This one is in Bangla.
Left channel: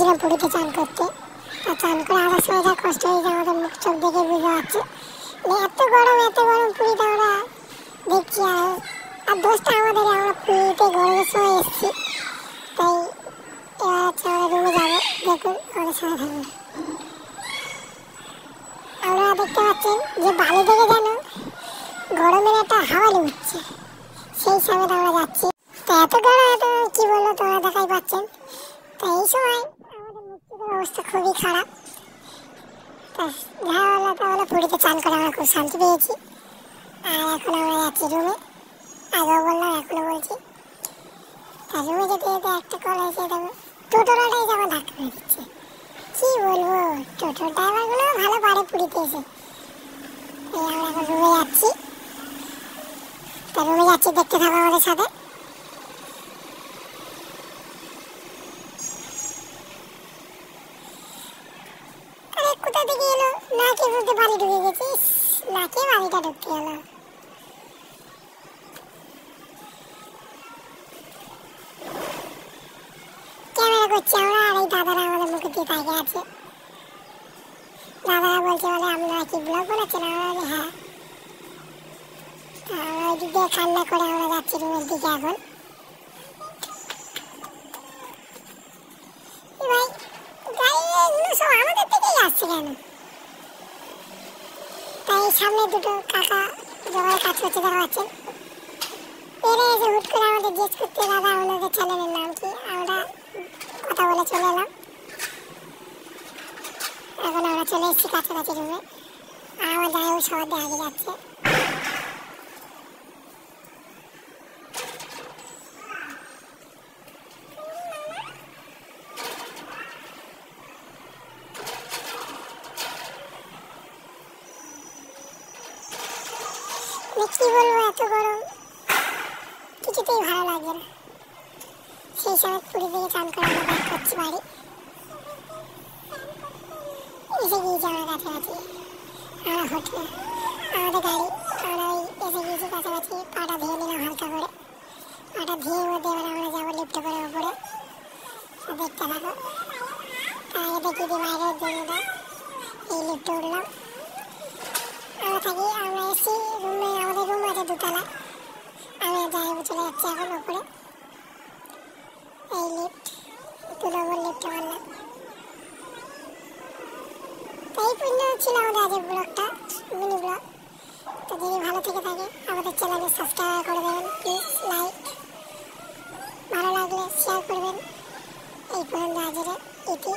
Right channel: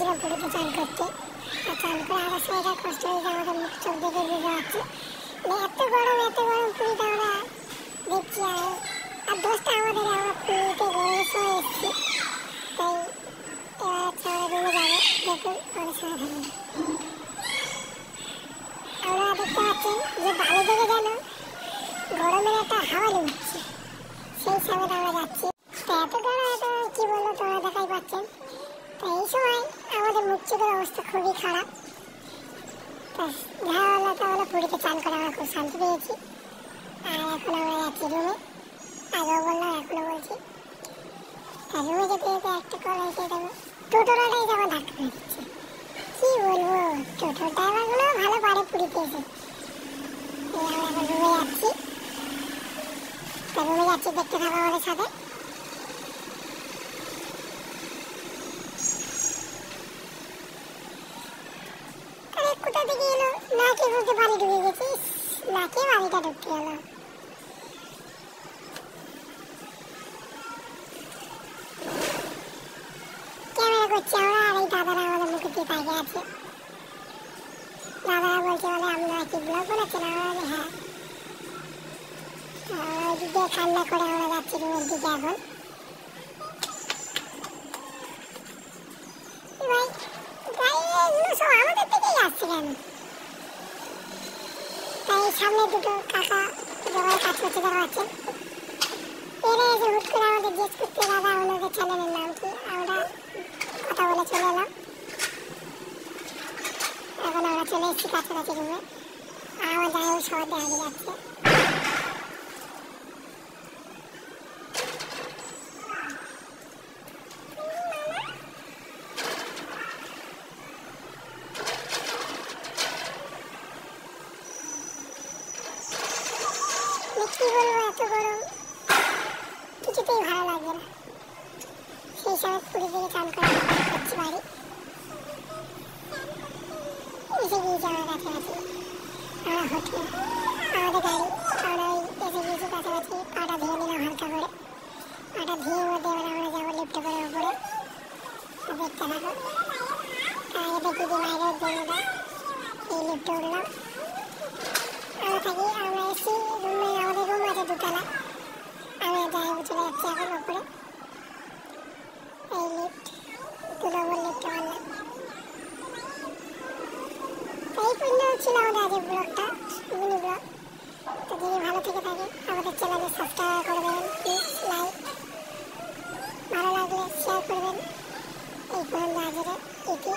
গেছিলাম পুরীতে চান করতে। আর চান করে আসার সময় যা কষ্ট হয়েছে আমাদের মুখ চোখ দেখে বুঝতে পারছে। এত গরম পুরীতে আমরা দেখছি। আর দোষটা আমাদের, আমরা পুরীতে গরমের সময় এসেছি। তাই এবার হচ্ছে আমরা রুমে যাবো। দেখুন আমাদের সাথে থাকুন। আপনারা দেখতে পাচ্ছেন যে বাড়ি থেকে যেন গরমের একটা হাওয়া উঠছে, সেই সময় আমরা যাচ্ছি। তো এত গরম, এত কি বলবো, তোমরা দেখাই পাচ্ছেন। তো এই সময় আমাদের মুখ চোখের অবস্থা খুবই খারাপ। তো আমরা পুরীতে চান করে আমরা খুব শান্তি পেয়েছি। আর এখন আমরা যাচ্ছি রুমে। আগেও বললাম, এখনো বলছি। আর রুমে যেতে যেতে একটা কল হয়েছে, দেখো টোটোটাই যেমন ধাক্কা মেরে দিচ্ছে। কি বলবো, টোটো ড্রাইভারগুলো ভালো পারে পুরীতে এসে। এই আমরা এখন রুমে যাচ্ছি। তো রুমে যাচ্ছি, দেখতে থাকো আমাদের সাথে। কোথা থেকে এলো না কে বলতে, বাড়ি ঢুকে গেছিস না কে বাড়িটা ঢুকতে এলো। ক্যামেরা করছি আমরা, আর এই দাদারা আমাদের মুখে দিয়ে তাকিয়ে আছে। দাদারা বলছে বলে আপনারা কি ব্লগ বানাচ্ছেন? আমরা বলি হ্যাঁ। আমরা ওই দিক দিয়ে কান্না করে আমরা যাচ্ছি রুমের দিকে এখন। ভাই গাড়িগুলো সব আমাদের থেকেই আসছে কেন? তাই সামনে দুটো কাকা যেভাবে কাজ করছে দেখা পাচ্ছেন, এরা এসে হুট করে আমাদের জিজ্ঞেস করতে, দাদা ওনাদের চ্যানেলের নাম কি? আমরা কথা বলে চলে এলাম। এখন আমরা চলে এসেছি কাছাকাছি রুমে। আর আমার জায়গায় সবার দেখা যাচ্ছে। কি বলবো, এত গরম কিছুতেই ভালো লাগে না। সেই সময় পুরী থেকে চান করে আমরা করছি বাড়ি। এসে গিয়েছি আমরা কাছাকাছি, আমরা হোটেলে আমাদের গাড়ি। আমরা ওই এসে গিয়েছি কাছাকাছি। পাটা ধুয়ে নিলাম হালকা করে। পাটা ধুয়ে মধ্যে এবার আমরা যাবো লিফটে করে উপরে। দেখতে থাকো। আগে দেখি যে বাইরের জমিটা, এই লিফটে উঠলাম। আমরা থাকি, আমরা এসেছি রুমে। আমাদের রুম আছে দুতলা। আমি যাই চলে যাচ্ছি এখন উপরে। এই লিফট 2 নম্বর লিফটে উঠলাম। এই পর্যন্ত ছিল আমাদের আজকের ব্লগটা, মিনি ব্লগ। তো যদি ভালো থেকে থাকে আমাদের চ্যানেলে সাবস্ক্রাইব করে দেবেন প্লিজ, লাইক, ভালো লাগলে শেয়ার করবেন। এই পর্যন্ত আজকে এটি।